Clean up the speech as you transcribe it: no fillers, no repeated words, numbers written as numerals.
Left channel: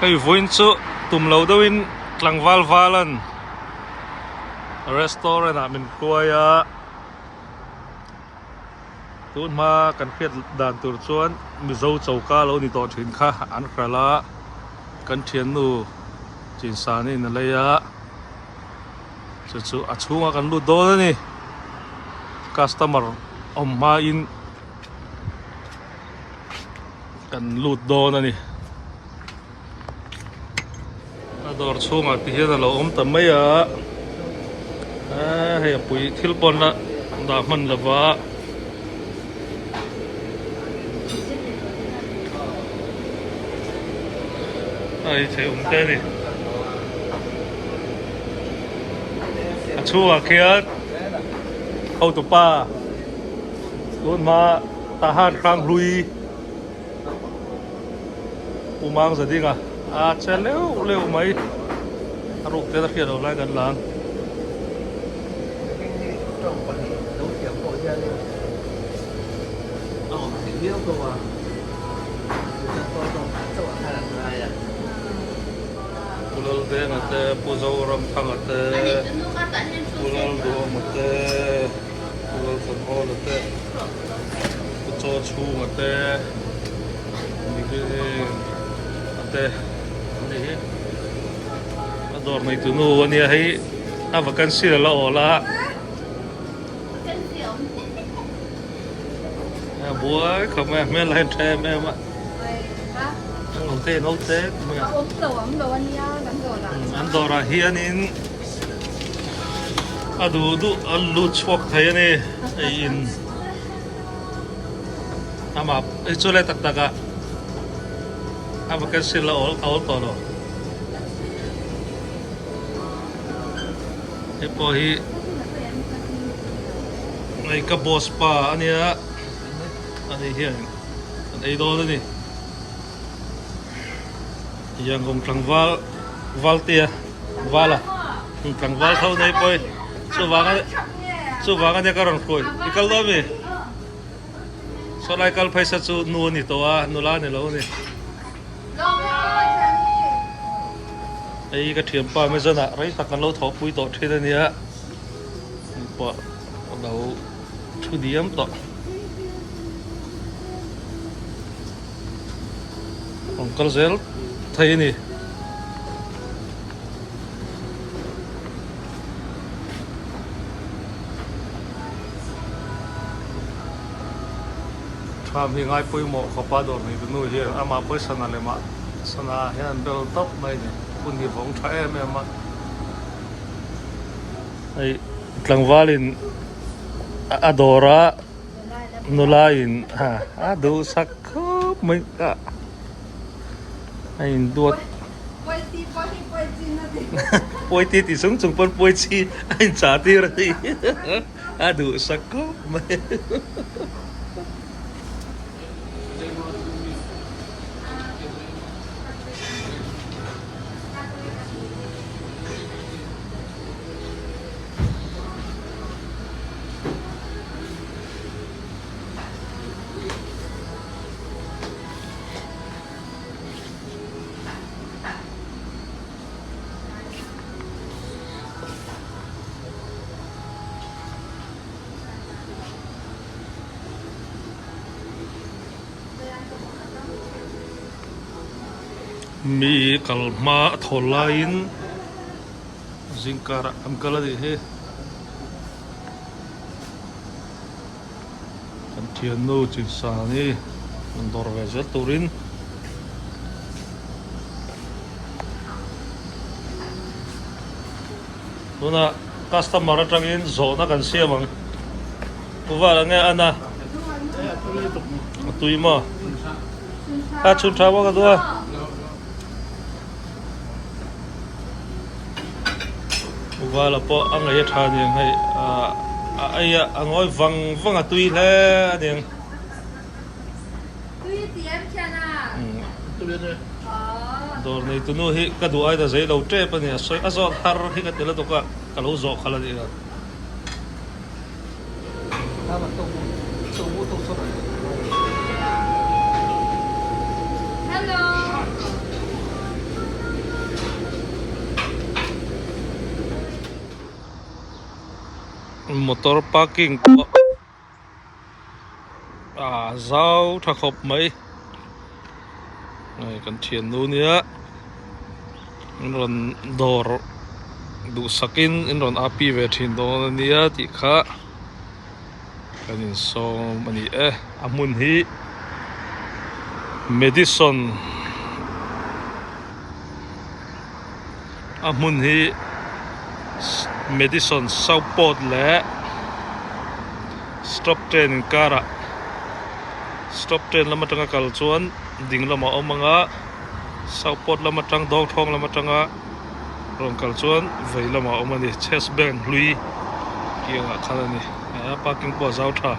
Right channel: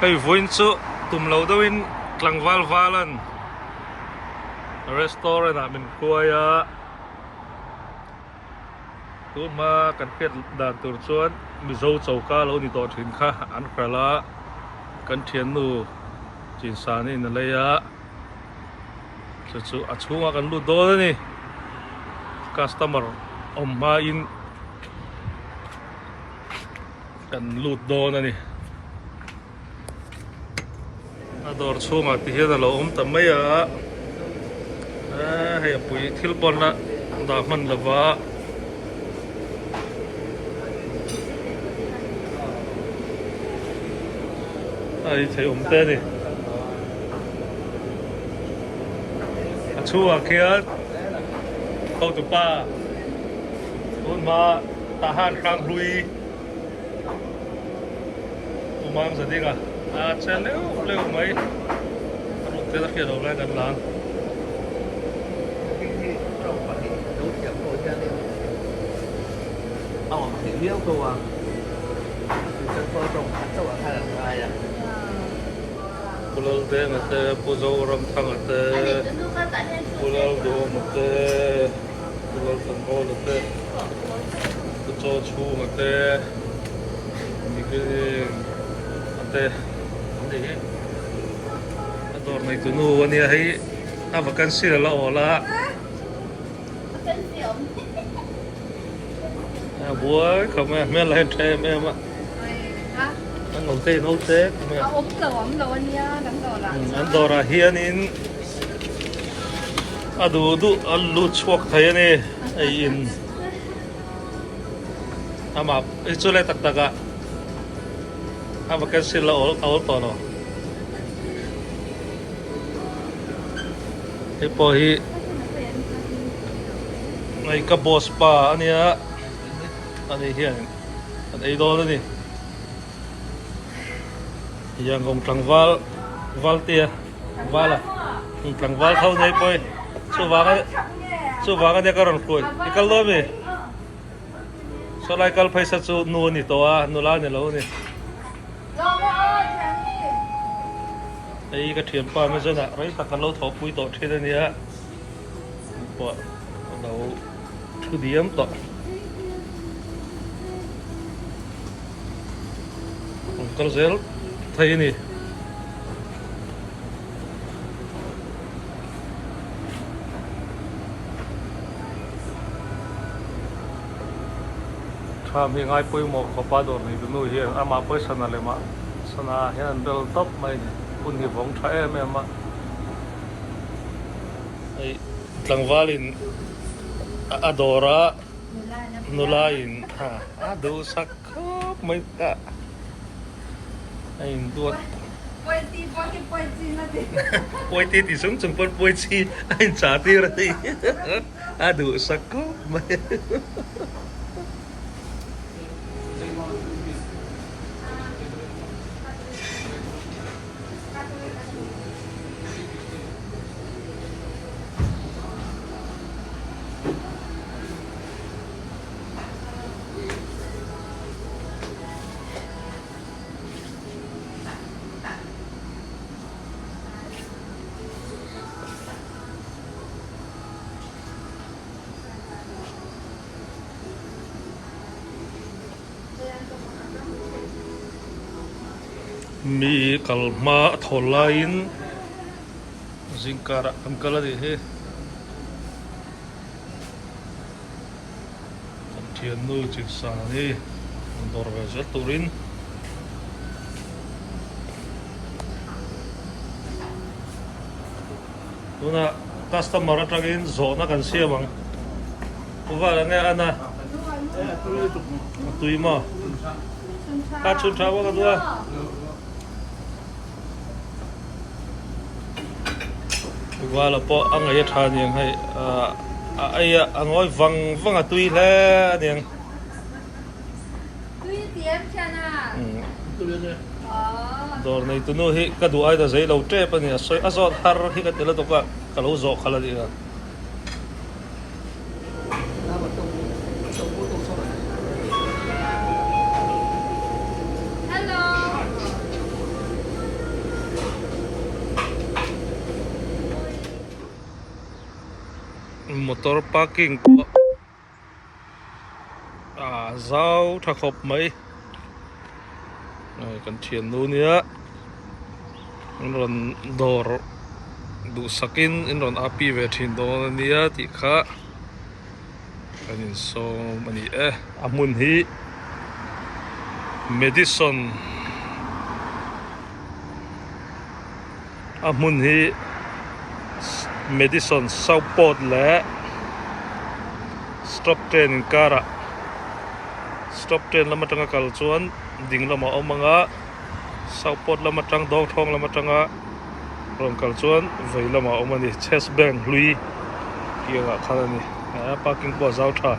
Hey voin chu tum lo doin tlangwal valan restaurant a min kruaya tun ma kan khiat dan tur chuan mizo chauka lo ni to thin kha an khrala kan thian nu chin sani na leya chu a chunga kan lu do ni customer ma in kan lut do na ni ador chunga ti hian lo tamaya hei pui thil pon na da man lawa ai thei te ni a chua khian ho tu pa luôn ma ta han khang rui umang sa dinga chen leo mai rục te ta khian lo lai kan lang pulal te ngate puzo ram thang ate pulal do mate pulal san hol ate puzo chu ate ni ke ate ni ador nai tu nu ania hai a vacancy la ola bố không em lên thêm em ạ ông tê nấu tết ấm đồ anh nha anh đồ là hiền in đủ lụt chuột thấy này in mà cái chỗ này tắc à mà cái gì là ổn to rồi cái bòi này cái boss pa anh ấy anh ấy hiền anh ấy đó ni yang gong tlangwal tia wala tlangwal thau nei poi chu wanga ne karon khoi ikal do mi so lai kal phaisa chu nu ni to a nu la ne lo ni ai ka thiam pa me zana rai ta kan lo tho pui to the ni a po lo thu diam to Uncle Zel thấy nè tham hi ngai pui mo khopa dor ni nu hi ama person ale ma sana hian bel top mai ni pun hi vong tha em ma ai tlangwalin adora nulain ha adu sak mai anh đuột quay ti thì sống chung phân quay chi anh trả tiền rồi đủ sắc có mày mi kalma tholain zingkara amkala di he kantian nu chinsani ndor gaza turin duna customer atangin zona kan siamang uwala nge ana tuima a chun thawa ka dua và po ang ấy thà niềng hay ai ang oi vang à tui le niềng tui tiệm chana dor nei tu no hi ka du ai da zai lo tre pa ni soi azot har hi ka tela to ka lo zo khala di hello motor parking ko zau tha khop mai này kan thian nu nia in ron dor du sakin in ron api ve thin do nia ti kha kanin so mani amun hi Madison amun hi Madison Southport le stop train in kara stop train lama tanga kal chuan ding lama omanga Southport lama tang dong thong lama tanga rong kal chuan vei lama omani chest bank hlui kianga khalani parking po zau tha